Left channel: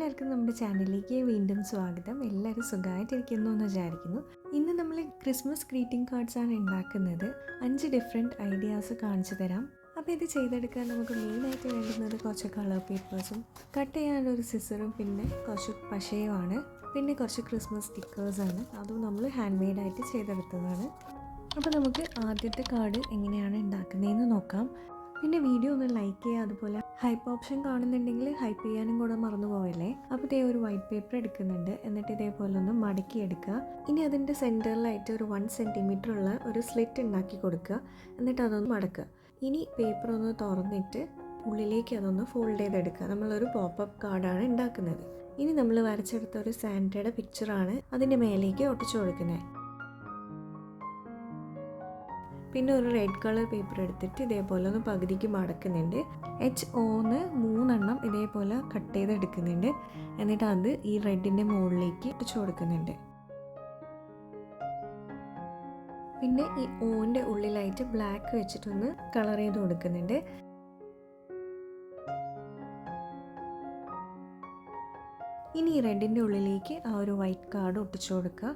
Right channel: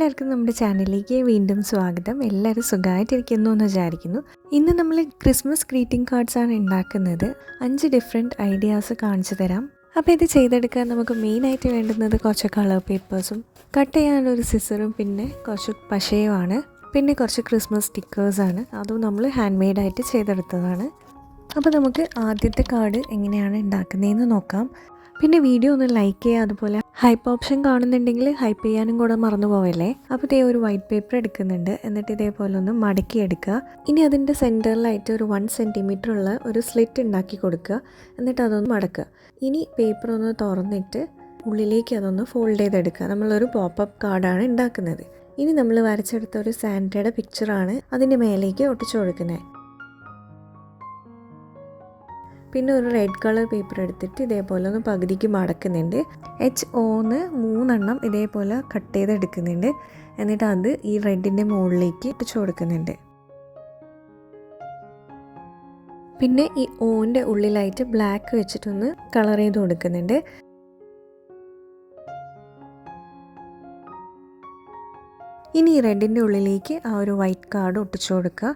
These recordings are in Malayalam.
എല്ലാവർക്കും നമ്മുടെ ചാനലിലേക്ക് വീണ്ടും സ്വാഗതം. എല്ലാവരും സുഖമായിട്ടിരിക്കുന്നു എന്ന് വിചാരിക്കുന്നു. ഇന്ന് നമ്മൾ ക്രിസ്മസ് ഗ്രീറ്റിംഗ് കാർഡ്സ് ആണ് ഉണ്ടാക്കുന്നത്. 5 ഡിഫറെൻറ്റ് ഐഡിയാസ് കാണിച്ചു തരാം. അപ്പോൾ ഇത് ചെയ്തെടുക്കാൻ നമുക്ക് മെയിനായിട്ട് വേണ്ടുന്നത് കുറച്ച് കളർ പേപ്പേഴ്സും കട്ട് ചെയ്യാനൊരു സിസറും പിന്നെ കുറച്ച് പശയുമാണ്. പിന്നെ കുറച്ച് ക്രിസ്മസ് സ്റ്റിക്കേഴ്സാണ്. അതും നമ്മൾ ഹാൻഡ് മെയ്ഡായിട്ട് ചെയ്തെടുത്തതാണ്. അപ്പോൾ നമുക്ക് ആദ്യത്തെ കാർഡ് എങ്ങനെയാണ് ഉണ്ടാക്കുന്നതെന്ന് നോക്കാം. പിന്നെ വീഡിയോ ഒന്ന് ലൈക്ക് ചെയ്യുക, അതുപോലെ ഹൈപ്പ് ഓപ്ഷൻ കാണുന്നുണ്ടെങ്കിൽ ഹൈപ്പ് ചെയ്യാനും കൂടെ മറന്നു പോവല്ലേ. അപ്പോൾ ഇതേ ഒരു വൈറ്റ് പേപ്പർ എടുക്കുന്നുണ്ട്, എന്നിട്ട് ഇതേപോലെ ഒന്ന് മടക്കി എടുക്കുക. ഇനി അതിൻ്റെ സെൻറ്ററിലായിട്ട് ഒരു 1 സെൻറ്റിമീറ്റർ ഉള്ള ഒരു സ്ലിറ്റ് ഉണ്ടാക്കി കൊടുക്കുക. എന്നിട്ട് അതൊന്ന് മടക്കുക. ഇനി പേപ്പർ ഒന്ന് തുറന്നിട്ട് ഉള്ളിലേക്ക് അതൊന്ന് ഫോൾഡ് ചെയ്തെടുക്കുക. നമ്മളൊരു പോപ്പപ്പ് കാർഡാണ് ഉണ്ടാക്കുന്നത്. ഇനി നമ്മൾ വരച്ചെടുത്ത ഒരു സാന്റയുടെ പിക്ചറാണ് അതിൻ്റെ മേലേക്ക് ഒട്ടിച്ചു കൊടുക്കുന്നത്. പിന്നെ ഒരു റെഡ് കളർ പേപ്പർ എടുത്തിട്ട് ഇതേപോലെ ഒന്ന് പകുതിക്ക് മടക്കുന്നുണ്ട്. HOന്ന് 3 എണ്ണം ഇതേപോലെ കട്ട് ചെയ്തെടുക്കുന്നുണ്ട്. എന്നിട്ട് അത് ഈ റെഡിൻ്റെ മുകളിലേക്ക് ഇട്ടിച്ചു കൊടുക്കുന്നുണ്ട്. പിന്നെ ഈ ഓൻ്റെ ഉള്ളിലായിട്ട് ബ്ലാക്ക് വെച്ചിട്ടൊന്ന് കളർ ചെയ്ത് കൊടുക്കുന്നുണ്ട്. ഇനി ഈ റെഡിൻ്റെ ഉള്ളിലേക്ക് ആ ഒരു വൈറ്റ് കാർഡ് ഒട്ടിച്ചു കൊടുക്കുക.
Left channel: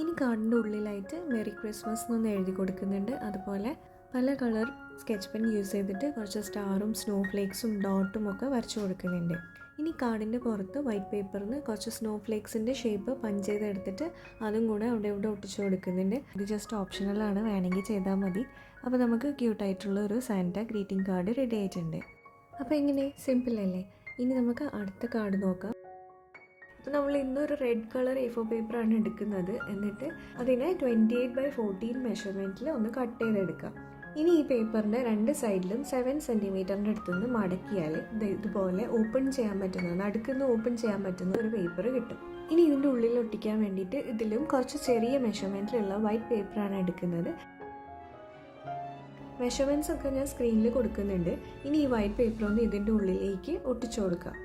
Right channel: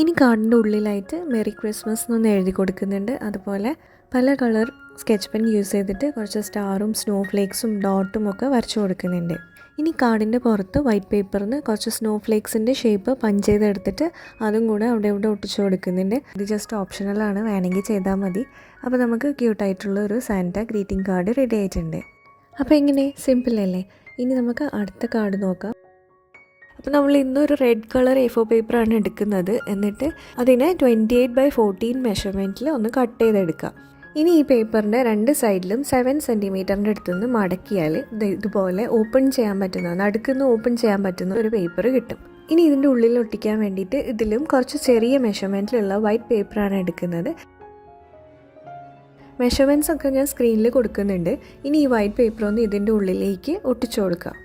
ഇനി കാർഡിൻ്റെ ഉള്ളിലായിട്ട് മെറി ക്രിസ്മസ് എന്നൊന്ന് എഴുതി കൊടുക്കുന്നുണ്ട്. അതുപോലെ പല കളർ സ്കെച്ച് പെൻ യൂസ് ചെയ്തിട്ട് കുറച്ച് സ്റ്റാറും സ്നോ ഫ്ലേക്സും ഡോട്ടും ഒക്കെ വരച്ചു കൊടുക്കുന്നുണ്ട്. ഇനി കാർഡിൻ്റെ പുറത്ത് വൈറ്റ് പേപ്പറിന് കുറച്ച് സ്നോ ഫ്ലേക്സിൻ്റെ ഷേപ്പ് പഞ്ച് ചെയ്തെടുത്തിട്ട് അതും കൂടെ അവിടെ ഇവിടെ ഒട്ടിച്ചു കൊടുക്കുന്നുണ്ട്. ഇത് ജസ്റ്റ് ഓപ്ഷണലാണ്, വേണമെങ്കിൽ ചെയ്താൽ മതി. അപ്പോൾ നമുക്ക് ക്യൂട്ടായിട്ടുള്ള ഒരു സാന്റ ഗ്രീറ്റിംഗ് കാർഡ് റെഡി ആയിട്ടുണ്ട്. അപ്പോൾ എങ്ങനെ, സിമ്പിൾ അല്ലേ? ഇനി നമുക്ക് അടുത്ത കാർഡ് നോക്കാം. അപ്പോൾ നമ്മൾ ഇന്നൊരു റെഡ് കളർ A4 പേപ്പറാണ് എടുക്കുന്നത്. എന്നിട്ട് അതിനെ 28x14 മെഷർമെൻറ്റിൽ ഒന്ന് കട്ട് ചെയ്തെടുക്കുക. ഇനി ഈ പേപ്പറിൻ്റെ 2 സൈഡിലും 7 സെൻറ്റിമീറ്ററിൻ്റെ അടുത്തുനിന്ന് മടക്കിയാൽ ഇതുപോലെ ഓപ്പൺ ചെയ്യാൻ പറ്റുന്ന, നടുക്കുന്ന് ഓപ്പൺ ചെയ്യാൻ പറ്റുന്ന ഒരു പേപ്പർ കിട്ടും. ഇനി ഇതിൻ്റെ ഉള്ളിൽ ഒട്ടിക്കാൻ വേണ്ടിയിട്ട് ഇതിലും കുറച്ച് ചെറിയ മെഷർമെൻറ്റിലുള്ള വൈറ്റ് പേപ്പറാണ് എടുക്കുന്നത്. മെഷർമെൻറ്റ്സ് ഒക്കെ ഞാൻ സ്ക്രീനിൽ കൊടുക്കുന്നുണ്ട്. ഇനി ഈ വൈറ്റ് പേപ്പർ ഒന്ന് ഇതിൻ്റെ ഉള്ളിലേക്ക് ഒട്ടിച്ചു കൊടുക്കുക.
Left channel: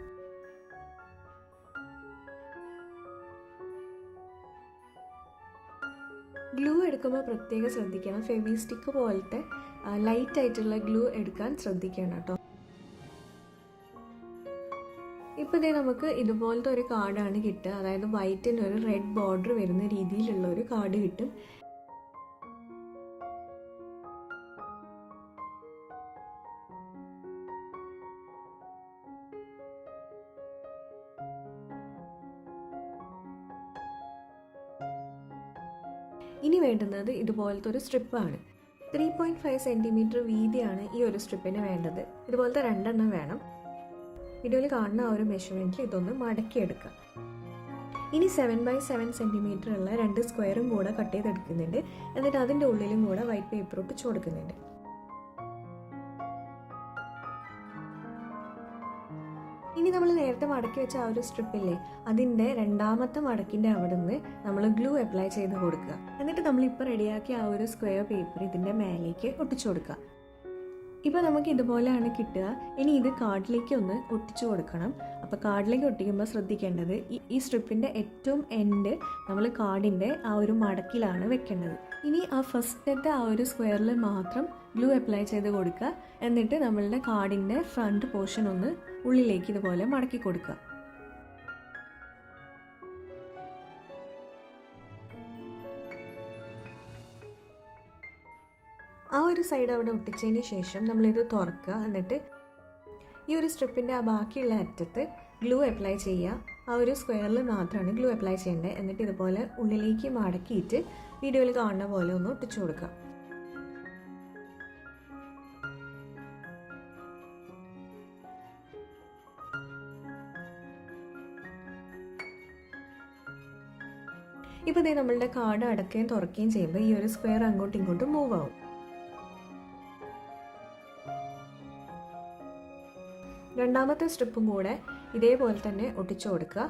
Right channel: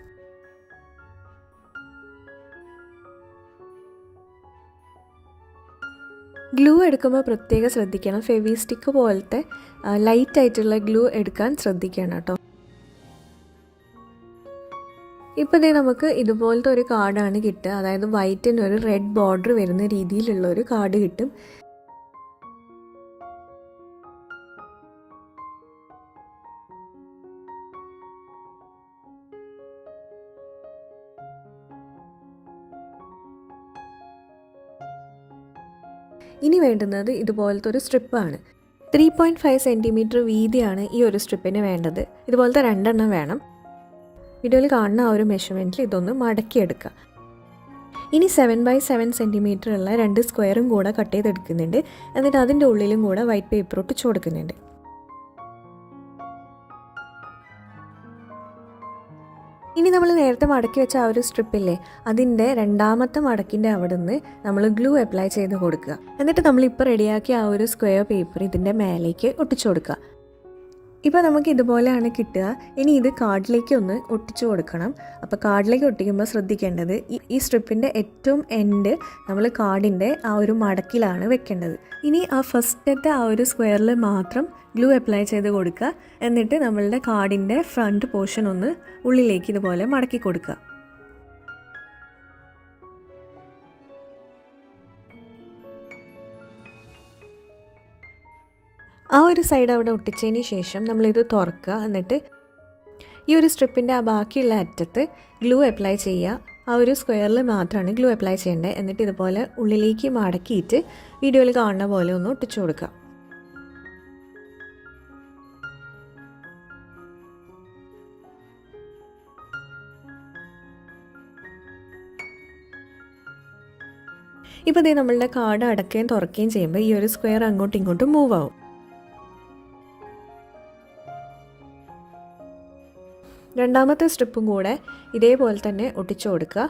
ഗ്ലൂ എടുക്കുമ്പോൾ പ്രത്യേകം ശ്രദ്ധിക്കണം. ഫെവി സ്റ്റിക്ക് പോലത്തെ ലൈറ്റ് ആയിട്ടുള്ള ഗ്ലൂ എടുക്കാൻ ശ്രദ്ധിക്കണം കേട്ടോ. ഇപ്പോൾ ഇതേ നമുക്ക് ഇതുപോലത്തെ ഒരു കാർഡാണ് കിട്ടുക. അതായത് വൈറ്റിന് ഒരു റെഡ് ബോർഡർ വരുന്ന രീതിയിലുള്ള ഒരു കാർഡ് കിട്ടും. ഇനി വേണ്ടുന്നത് ഇതുപോലത്തെ ഒരു സ്ട്രിപ്പാണ്. 3.5 സെൻറ്റിമീറ്റർ വീതിയാണ് ഈ ഒരു സ്ട്രിപ്പിന് വേണ്ടത്. ഇതുപോലത്തെ 2 എണ്ണം വേണം. വീഡിയോയിൽ കാണുന്ന ആ ഒരു മെഷർമെൻറ്റിൽ ഇതൊന്ന് മടക്കിയെടുക്കുക. ഇനി 7x7 സെൻറ്റിമീറ്റർ ഉള്ള 2 സ്ക്വയറും കൂടെ കട്ട് ചെയ്തെടുക്കുന്നുണ്ട്. എന്നിട്ട് അതിൻ്റെ ഉള്ളിലും കൂടെ വൈറ്റ് പേപ്പർ ഒട്ടിച്ചു കൊടുക്കുന്നുണ്ട്. ഇനി നമ്മൾ നേരത്തെ മടക്കി വെച്ച ആ ഒരു സ്ട്രിപ്പില്ലേ, അതിൻ്റെ 2ാമത്തെ മടക്കിൻ്റെ അവിടെ നിന്ന് നമ്മൾ ഗ്ലൂ അപ്ലൈ ചെയ്ത് കൊടുക്കുക. എന്നിട്ട് നമ്മളിപ്പോൾ റെഡിയാക്കിയ ആ ഒരു സ്ക്വയർ പേപ്പർ ഇതിൻ്റെ മേലേക്ക് ഒട്ടിച്ചു കൊടുക്കുക. ഇപ്പോൾ നമുക്ക് ഇതുപോലെയാണ് കിട്ടുക. ഇനി ഇത് കാർഡിലേക്ക് ഒന്ന് ഒട്ടിച്ചു കൊടുക്കണം. അപ്പോൾ കാർഡിലേക്ക് ഒട്ടിക്കുമ്പോൾ ശ്രദ്ധിക്കേണ്ടത് ഈ സ്ട്രിപ്പിൻ്റെ ഏറ്റവും എൻഡ് നമ്മൾ കാർഡിൻ്റെ ആ ഒരു മടക്കിലാണ് വെക്കേണ്ടത്. ഇനി ആ ഫസ്റ്റത്തെ ആ ഒരു സ്ക്വയറിൽ മാത്രം ഗ്ലൂ അപ്ലൈ ചെയ്ത് കൊടുക്കുക. എന്നിട്ട് നമ്മളുടെ കാർഡിൻ്റെ ഫ്രണ്ട് പോർഷൻ ഒന്ന് ഉള്ളിലേക്ക് ഇതുപോലെ മടക്കി കൊടുക്കുക. ആ ഒരു സൈഡ് അവിടെ ഒട്ടിച്ചതിന് ശേഷം നമ്മളിത് തുറക്കുക. എന്നിട്ട് ഈ ഒരു സ്ട്രിപ്പിൻ്റെ ആ ബാക്കിയുള്ള അറ്റത്ത് ഗ്ലൂ അപ്ലൈ ചെയ്യുക. ആ ഒരു സ്ക്വയറിൽ മാത്രമാണ് ഗ്ലൂ അപ്ലൈ ചെയ്യേണ്ടത്. എന്നിട്ട് ഇതുപോലെ ഉള്ളിലേക്ക് മടക്കിയിട്ട് വീഡിയോയിൽ കാണുന്ന പോലെ ഒന്ന് ഒട്ടിച്ചു കൊടുക്കുക. ഇപ്പോൾ ഇതേ നമ്മളുടെ കാർഡ് അടക്കുകയും തുറക്കുകയും ചെയ്യുമ്പോൾ ഈ ഒരു സ്ക്വയർ അങ്ങോട്ടും ഇങ്ങോട്ടും മൂവ് ആവും. രണ്ടാമത്തെ സ്ട്രിപ്പും കൂടെ ഇതേപോലെ തന്നെ ഒട്ടിച്ചു കൊടുക്കുക.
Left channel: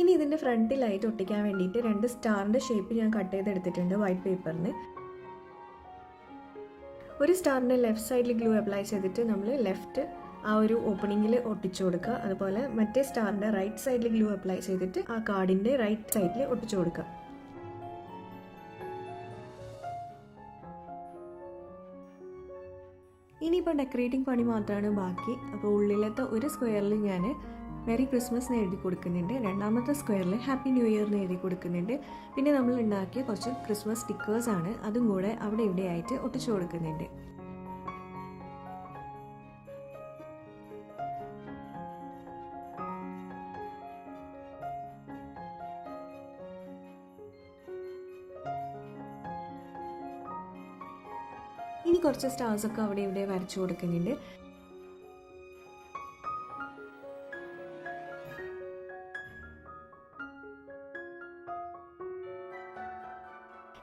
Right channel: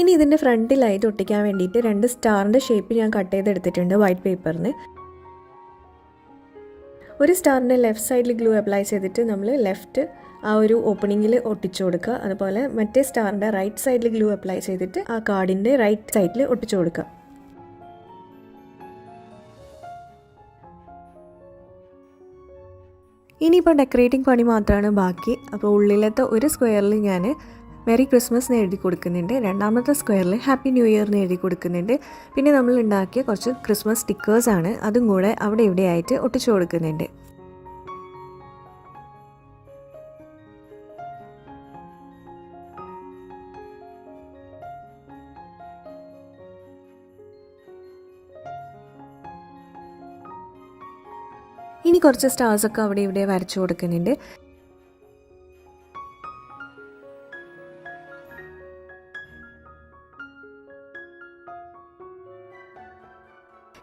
ഇനി ഇതിൻ്റെ ഫ്രണ്ടിലായിട്ട് ഒട്ടിക്കാൻ വേണ്ടിയിട്ട് 2 സ്റ്റാറിൻ്റെ ഷേപ്പ് ഞാൻ കട്ട് ചെയ്തെടുത്തിട്ടുണ്ട് വൈറ്റ് പേപ്പറിന്. ഒരു സ്റ്റാറിൻ്റെ ലെഫ്റ്റ് സൈഡിൽ ഗ്ലൂ അപ്ലൈ ചെയ്തിട്ട് നമ്മൾ ലെഫ്റ്റ് ആ ഒരു ഓപ്പണിങ്ങിൽ ഒട്ടിച്ചു കൊടുക്കുക. അതുപോലെ മറ്റേ സ്റ്റാറിൻ്റെ റൈറ്റ് സൈഡിൽ ഗ്ലൂ അപ്ലൈ ചെയ്തിട്ട് ആ കാർഡിൻ്റെ റൈറ്റ് സൈഡിൽ ഒട്ടിച്ചു കൊടുക്കുക. ഇനിയിപ്പോൾ ഡെക്കറേറ്റിംഗ് പണി മാത്രമാണ് ബാക്കി. അപ്പോൾ ഉള്ളിലത്തെ ഒരു സ്ക്വയറിൽ ഞാൻ മെറി ക്രിസ്മസ് എന്ന് എഴുതി കൊടുക്കുന്നുണ്ട്, രണ്ടാമത്തെ സ്ക്വയറിൽ ഹാപ്പി ന്യൂ ഇയർ എന്ന് എഴുതി കൊടുക്കുന്നുണ്ട്. പിന്നെ നമ്മൾ ഉണ്ടാക്കിയ കുറച്ച് ക്രിസ്മസ് സ്റ്റിക്കേഴ്സാണ്, അതും കൂടെ അവിടെ ഇവിടെയായിട്ട് ഒട്ടിച്ചു കൊടുക്കുന്നുണ്ട്. ഇനി കുറച്ച് സ്റ്റാർസൊക്കെ അവിടെ ഇവിടെ വരച്ചു കൊടുക്കുന്നുണ്ട്.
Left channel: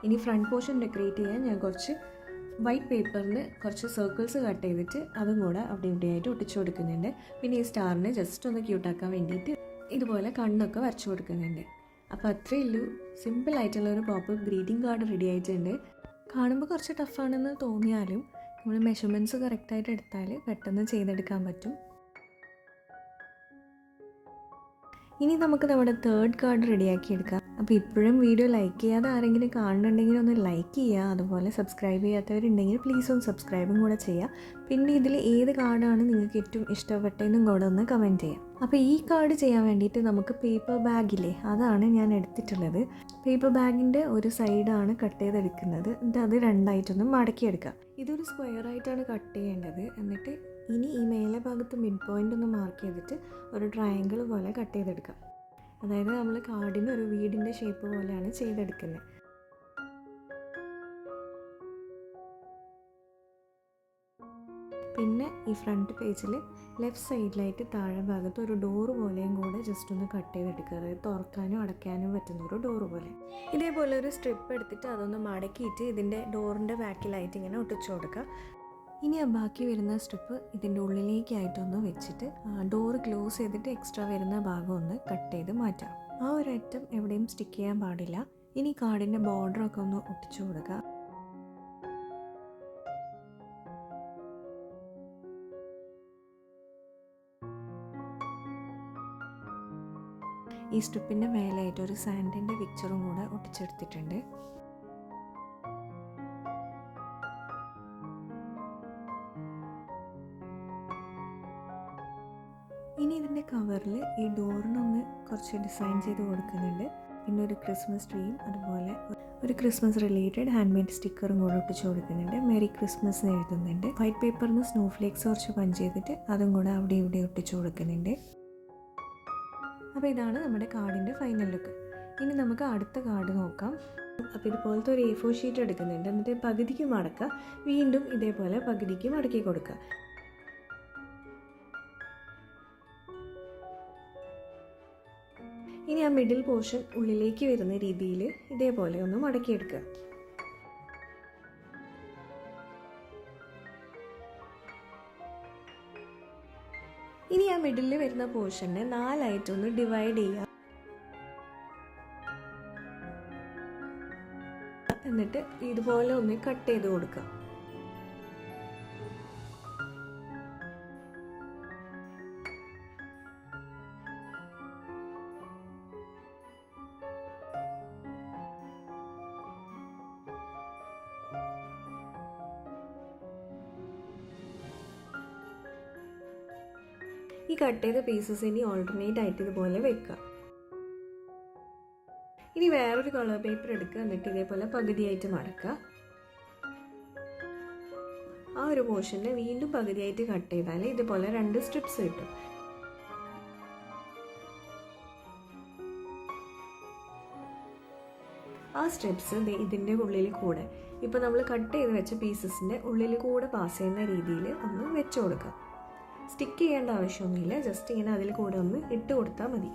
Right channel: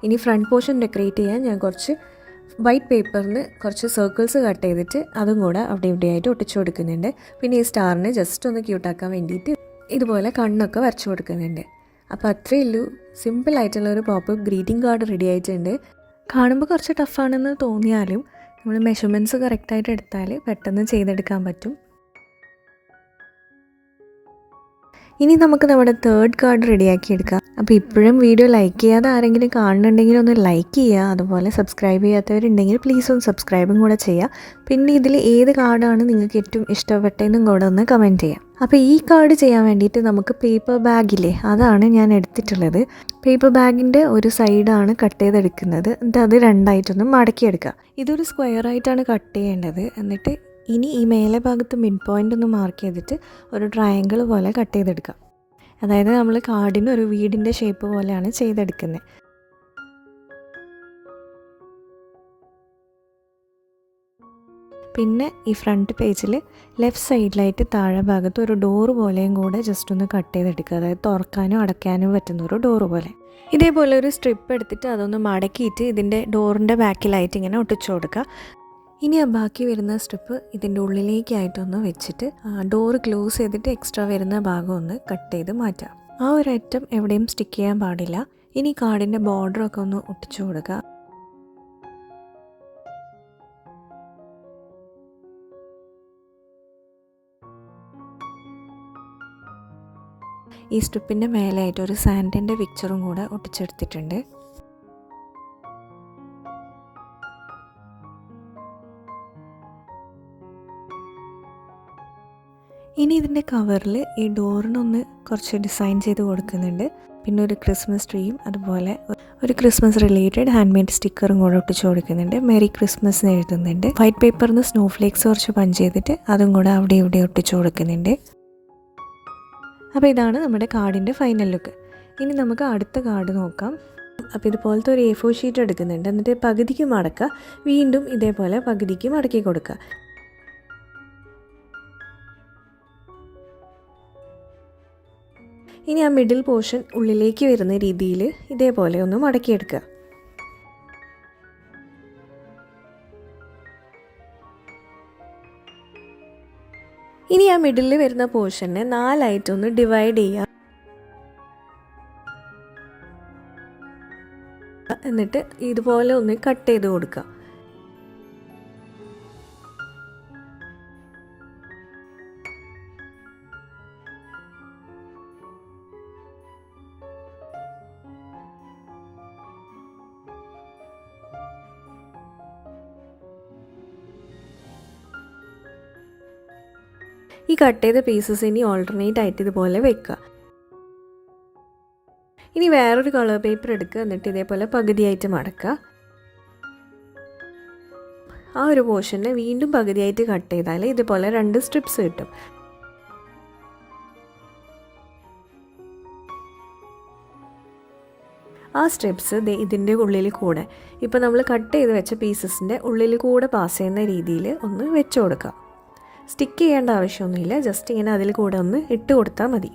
ഇനി ഫ്രണ്ട് പോർഷൻ ഡെക്കറേറ്റ് ചെയ്യാൻ ഞാൻ കുറച്ച് വൈറ്റ് പേപ്പറിന് കുറച്ച് സർക്കിൾസ് കട്ട് ചെയ്തിട്ട് അതും കൂടെ അവിടെ ഇവിടെയായിട്ട് ഒട്ടിച്ചു കൊടുക്കുന്നുണ്ട്. പിന്നെ ഈ സ്റ്റാറിന് ജസ്റ്റ് ഒന്ന് ക്യൂട്ടാക്കാൻ വേണ്ടിയിട്ട് ഇതുപോലെ കണ്ണൊക്കെ വരച്ചു കൊടുക്കുന്നുണ്ട്. അപ്പോൾ അത്രയേ ഉള്ളൂ, സിമ്പിളായിട്ടുള്ള ഒരു പോപ്പ് ഗ്രീറ്റിംഗ് കാർഡ് റെഡി ആയിട്ടുണ്ട്. കാണുമ്പോൾ കുറച്ച് ടഫാണെന്ന് തോന്നിയാലും നമ്മൾ മെഷർമെൻറ്റ്സ് കറക്റ്റായിട്ട് എടുത്താൽ പെട്ടെന്ന് ചെയ്തെടുക്കാൻ പറ്റും. ഇനി നമുക്ക് നമ്മുടെ 3rd കാർഡ് റെഡിയാക്കി എടുക്കാം. അപ്പോൾ ഇപ്പോഴും വീഡിയോ ലൈക്ക് ചെയ്യാതെ ആരെങ്കിലും കാണുന്നുണ്ടെങ്കിൽ ഒന്ന് ലൈക്ക് ചെയ്യുക. അതുപോലെ സബ്സ്ക്രൈബ് ചെയ്യാത്തവരുണ്ടെങ്കിൽ പ്ലീസ് ഒന്ന് സബ്സ്ക്രൈബും കൂടെ ചെയ്യുക. പിന്നെ ഇതിൽ ഏത് കാർഡാണ് നിങ്ങൾക്ക് ഏറ്റവും ഇഷ്ടപ്പെട്ടതെന്നും കൂടെ ഒന്ന് കമൻറ്റ് ചെയ്യാം. അപ്പോൾ ഈ കാർഡ് ചെയ്യാൻ വേണ്ടിയിട്ട് നമുക്ക് പേപ്പർ ബാഗില്ലേ, അതാണ് ഞാൻ എടുത്തിട്ടുള്ളത്. പേപ്പർ ബാഗിൻ്റെ ഒരു സൈഡാണ് കട്ട് ചെയ്തെടുക്കുന്നത്. എന്നിട്ട് അത് രണ്ടായിട്ടൊന്ന് മടക്കിയെടുക്കുക. ഇതൊരു സ്ക്വയറായിട്ടാണ് കട്ട് ചെയ്യേണ്ടത്. എന്നിട്ട് ഇനി ഈ മേലെ ഭാഗത്ത് മിഡ് പോയിൻ്റ് ഒന്ന് മാർക്ക് ചെയ്തിട്ട് ഒരു ട്രയാങ്കിൾ പോലെ കട്ട് ചെയ്തെടുക്കാം. അതായത് നമ്മൾ കാർഡിന് ഒരു വീടിൻ്റെ ഷേപ്പ് പോലെയാണ് ചെയ്തെടുക്കുന്നത്. പിന്നെ ഈ ഫ്രണ്ട് പേജിൽ ലെഫ്റ്റ് സൈഡിലായിട്ട് താഴെ ഭാഗത്ത് ഒരു ഡോറ് പോലെയും കൂടെ ജസ്റ്റ് ഒന്ന് കട്ട് ചെയ്തെടുക്കുക. അതായത് തുറക്കാനും അടയ്ക്കാനും പറ്റുന്ന ഒരു ഡോറ് പോലെ. ഇതേപോലെ ഒരു സ്ട്രിപ്പ് എടുത്തിട്ട് അതൊന്ന് മടക്കിയിട്ട് ഇതിൻ്റെ ഡോറിൻ്റെ ബാക്കിലായിട്ട് ഇങ്ങനെ ഒട്ടിച്ചു കൊടുക്കുക. ഇനി ആ ബാക്കി വരുന്ന സ്ട്രിപ്പ് ഇതിൻ്റെ ഉള്ളിലേക്കായിട്ടൊന്ന് വെച്ചിട്ട് ഡോറ് ക്ലോസ് ചെയ്തിട്ട് എക്സ്ട്രാ വരുന്ന ഭാഗം ഒന്ന് കട്ട് ചെയ്ത് മാറ്റാം. ആ ഒരു ഐറ്റം എവിടെയും സ്റ്റിക്ക് ചെയ്യാൻ പാടില്ല. ഇനി കാർഡിൻ്റെ ബോർഡറൊക്കെ ഒന്ന് ഒട്ടിച്ചു കൊടുക്കുക. ഈ സ്ട്രിപ്പിൻ്റെ മേലായിട്ട് ഒരു സാൻഡിൻ്റെ പിക്ചറും കൂടെ ഒട്ടിച്ചെടുത്തിട്ടുണ്ട്. ഇനി ഇതിൻ്റെ കവറിൽ ഈ ഡോറിനൊന്ന് കുറച്ച് ഡിസൈൻ ചെയ്ത് കൊടുക്കുന്നുണ്ട്. പിന്നെ ഒരു ക്രിസ്മസ് ട്രീയും അതുപോലെ ഒരു ക്രിസ്മസ് റിലേറ്റഡ് ഹാൻഡ് മെയ്ഡ് സ്റ്റിക്കറും കൂടെ ഒട്ടിച്ച് കൊടുക്കുന്നുണ്ട്. മെറി ക്രിസ്മസ് എന്ന് എഴുതുന്നുണ്ട്. വൈറ്റ് പേപ്പറിൽ നിന്ന് സ്നോ ഫ്ലേക്സ് കുറച്ച് പഞ്ച് ചെയ്തിട്ട് അതും കൂടെ അവിടെ ഇവിടെ ഒട്ടിച്ച് കൊടുക്കുന്നുണ്ട്. അപ്പോൾ ഇതാണ് നമ്മുടെ കാർഡിൻ്റെ ഫൈനൽ ലുക്ക്. ഇനി നമുക്ക് അടുത്ത കാർഡ് നോക്കാം. അപ്പോൾ ഇതുപോലത്തെ ഒരു A4 ഷീറ്റ് എടുക്കുന്നുണ്ട്. എന്നിട്ട് പകുതിക്ക് മടക്കുക, വീണ്ടും ഇതേപോലെ പകുതിക്ക് മടക്കി കൊടുക്കുക. ഇനി ആ മിഡിൽ പോർഷൻ ഉള്ളിലേക്ക് വരുന്ന രീതിയിൽ ഇതേപോലെ ഒന്ന് മടക്കിയെടുക്കുക. ഇനി ആ മിഡിലിൽ വരുന്ന പോർഷനെ 4 ആയിട്ടൊന്ന് ഡിവൈഡ് ചെയ്യുക. എന്നിട്ട് ഇതുപോലെ ഒന്ന് കട്ട് ചെയ്ത് കൊടുക്കുക. ഈ കട്ട് ചെയ്ത പീസസ് ഇനി ഓൾട്ടർനേറ്റ് ആയിട്ട് ഇതുപോലെ വെക്കുക. ഇനി വേറൊരു കളർ പേപ്പർ എടുക്കുക. എന്നിട്ട് ഇതേപോലെ പകുതിയായിട്ട് മടക്കുക. ആ ഒരു പോർഷനെ വീണ്ടും പകുതിയായിട്ട് കട്ട് ചെയ്താൽ ഇതുപോലെ 2 സ്ട്രിപ്സ് കിട്ടും. ആ സ്ട്രിപ്സ് ഇതിൻ്റെ ഉള്ളിൽ കൂടെ ഇപ്പോൾ നമ്മൾ കട്ട് ചെയ്ത് വെച്ച പീസസിൻ്റെ ഉള്ളിൽ കൂടെ പാസ് ചെയ്യുന്ന രീതിയിൽ ഒന്ന് വെച്ച് കൊടുക്കുക. സ്റ്റിക്ക് ചെയ്യേണ്ട ആവശ്യമൊന്നുമില്ല, ജസ്റ്റ് ഇങ്ങനെ അതിൽ കൂടെ ഒന്ന് ഇട്ട് കൊടുത്താൽ മതി.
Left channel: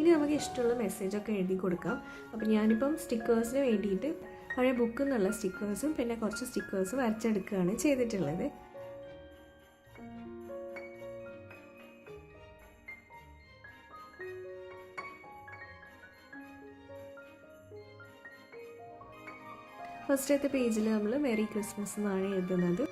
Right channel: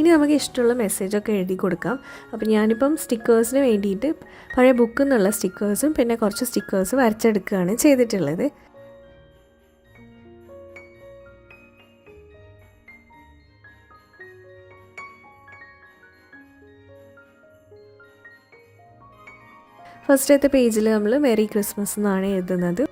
ഇനി നമുക്ക് ഇഷ്ടമുള്ള മെസ്സേജൊക്കെ എഴുതി കൊടുക്കാം. അപ്പോൾ ഞാനിപ്പം സ്റ്റിക്കേഴ്സിന് വേണ്ടിയിട്ട് പഴയ ബുക്കിൽ നിന്നുള്ള സ്റ്റിക്കേഴ്സും പിന്നെ കുറച്ച് സ്റ്റിക്കേഴ്സ് വരച്ചെടുക്കുകയാണ് ചെയ്തിട്ടുള്ളത്. ഫസ്റ്റത്തെ പേജിൽ നമ്മൾ മെറി ക്രിസ്മസ് എന്നാണ് എഴുതുന്നത്.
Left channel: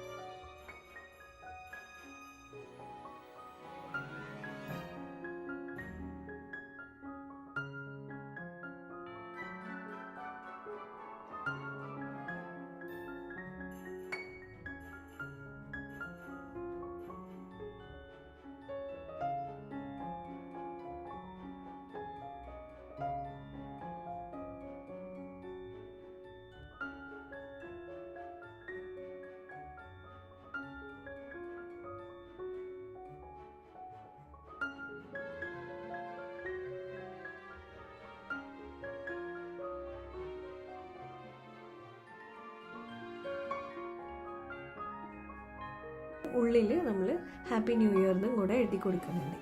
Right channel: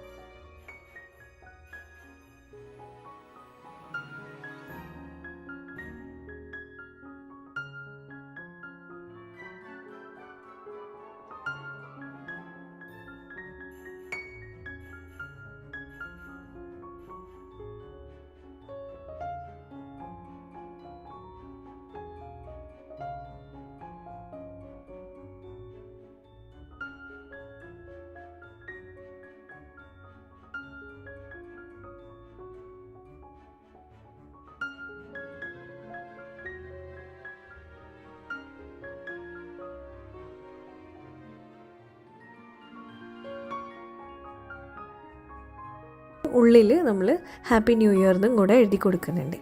ഉള്ളിൽ നമ്മൾ ഹാപ്പി ന്യൂ ഇയർ എന്നും കൂടെ എഴുതി കൊടുക്കുന്നുണ്ട്.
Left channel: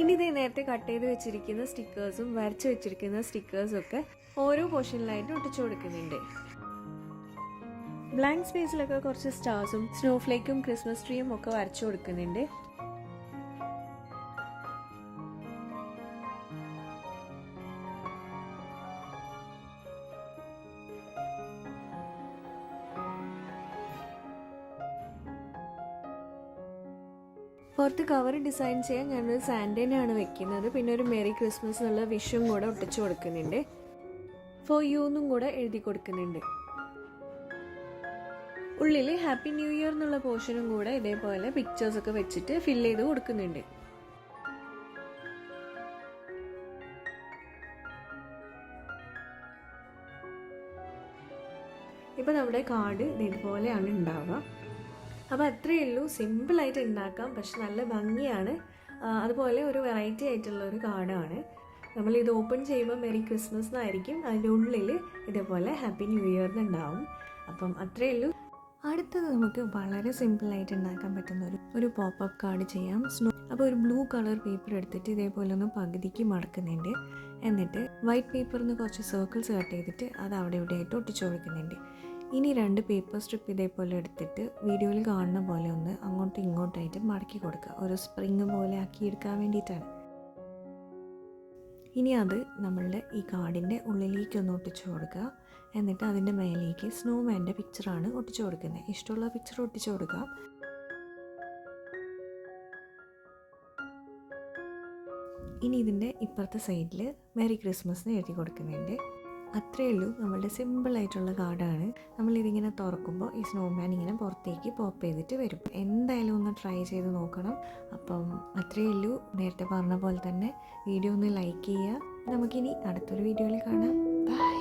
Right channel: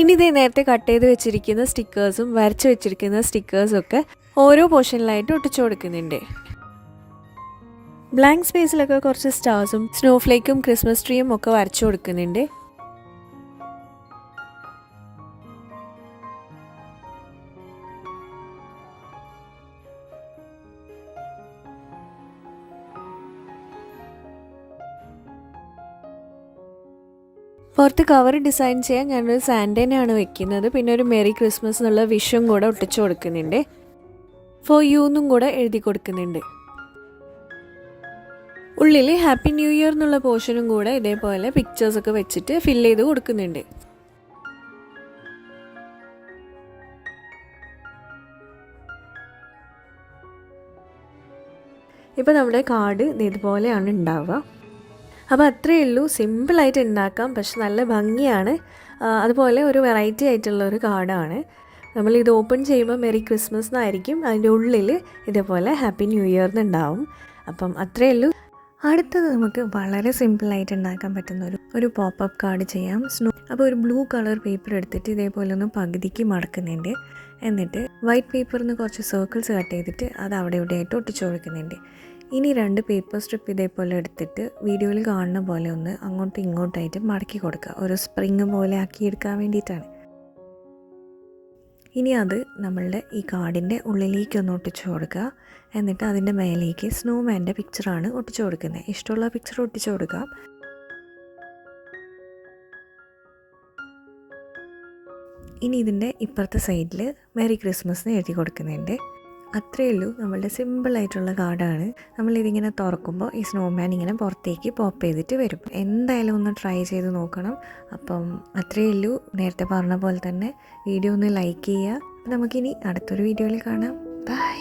ഇനി ഇതേ നേരത്തെ കട്ട് ചെയ്ത് വെച്ചിരിക്കുന്ന സ്റ്റിക്കേഴ്സും വരച്ച് വെച്ചിരിക്കുന്ന സ്റ്റിക്കേഴ്സും ഒക്കെ ഓരോ പോർഷനിലായിട്ട് ഒട്ടിച്ചു കൊടുക്കുന്നുണ്ട്. ബ്ലാങ്ക് സ്പേസിലൊക്കെ കുറച്ച് സ്റ്റാർസും സ്നോഫ്ലേക്കും ക്രിസ്മസ് ട്രീയും ഒക്കെ വരച്ചു കൊടുക്കുന്നുണ്ട്. പുറത്ത് കവർ ഡിസൈൻ ചെയ്യാൻ ഞാനൊരു സാൻഡേനെയാണ് വെക്കുന്നത്. പിന്നെ ഒരു മെറി ക്രിസ്മസ് എന്നുള്ള വിഷും കൂടെ ഒട്ടിച്ചു കൊടുക്കുന്നുണ്ട്. ഫോർ യു എന്നും കൂടെ എഴുതി കൊടുക്കുന്നുണ്ട്. ഉള്ളിൽ ഹാപ്പി ന്യൂ ഇയർ എന്നുള്ള പോർഷനും കൂടെ ഇതേപോലെ പിക്ചേഴ്സൊക്കെ വെച്ചിട്ട് ഫില്ല് ചെയ്ത് കൊടുക്കുന്നുണ്ട്. ഇപ്പോൾ നമ്മുടെ കാർഡ് ഇതുപോലെയാണ് ഉണ്ടാവുക. അപ്പോൾ അത്രയേ ഉള്ളൂ, സിമ്പിളായിട്ട് ഉണ്ടാക്കാം, പക്ഷെ നല്ല ഭംഗിയാണ്. അതുപോലെ ഒരു വെറൈറ്റി ആയിട്ടുള്ള ഒരു കാർഡാണ്. നമ്മളിത് ഓപ്പൺ ചെയ്യുമ്പോൾ മെറി ക്രിസ്മസ് എന്നായിരിക്കും, അതിൻ്റെ ഉള്ളിൽ ഇതേപോലെ ഹാപ്പി ന്യൂ ഇയർ എന്നുണ്ടാവും. അപ്പം അത്രയേ ഉള്ളൂ. അടുത്തത് നമുക്ക് വളരെ സിമ്പിളായിട്ട് ഉണ്ടാക്കാൻ പറ്റുന്ന ഒരു പോപ്പപ്പ് കാർഡ് ചെയ്യാം. അപ്പോൾ ഒരു ബ്ലൂ കളർ പേപ്പർ എടുത്തിട്ട് ഇതേപോലെ ഒന്ന് പകുതിക്ക് മടക്കുന്നുണ്ട്. എന്നിട്ട് വൈറ്റ് പേപ്പറിൽ നിന്ന് കുറച്ച് സർക്കിൾസ് കട്ട് ചെയ്തിട്ട് അത് അവിടെ ഇവിടെയായിട്ട് ഒട്ടിച്ചു കൊടുക്കുന്നുണ്ട്. ഇനി 2 പേപ്പർ സ്ട്രിപ്പ് ഇതേപോലെ എടുത്തിട്ട് വീഡിയോയിൽ കാണുന്ന പോലെ ഒന്ന് അങ്ങോട്ടും ഇങ്ങോട്ടായിട്ട് മടക്കി കൊടുക്കുക, ഒരു സ്പ്രിങ് പോലെ ആക്കിയെടുക്കാൻ വേണ്ടിയിട്ടാണ്. ഇനി അത് നമ്മളുടെ ഈ കാർഡിൻ്റെ ഉള്ളിലേക്ക് ഒന്ന് ഒട്ടിച്ചു കൊടുക്കുക. എന്നിട്ട് അതിൻ്റെ മേലേക്ക് സ്നോമാൻ്റെ പിക്ചറാണ് ഒട്ടിച്ചു കൊടുക്കുന്നത്. ഇഷ്ടമുള്ള പിക്ചർ ഒട്ടിച്ചു കൊടുക്കുക. ഇനി ഇതിൻ്റെ ഇപ്പുറത്തെ സൈഡിൽ മെറി ക്രിസ്മസ് എന്ന് എഴുതി കൊടുക്കുന്നുണ്ട്. അത്രയേ ഉള്ളൂ, നമ്മളുടെ സിമ്പിളായിട്ടുള്ള കാർഡാണ്. നമ്മളിതിങ്ങനെ തുറക്കുമ്പോൾ ഈ സ്നോമാൻ ഇങ്ങനെ പുറത്തേക്ക് പോപ്പ് ചെയ്തിട്ട് വരും. എന്തായാലും ഒന്ന് ട്രൈ ചെയ്ത് നോക്കണം. അപ്പം അത്രയേ ഉള്ളൂ. നേരത്തെ പറഞ്ഞ പോലെ തന്നെ വീഡിയോ ഒന്ന് ലൈക്ക് ചെയ്യുക. നമുക്കിനി അടുത്തൊരു വീഡിയോയിൽ കാണാം. ബൈ.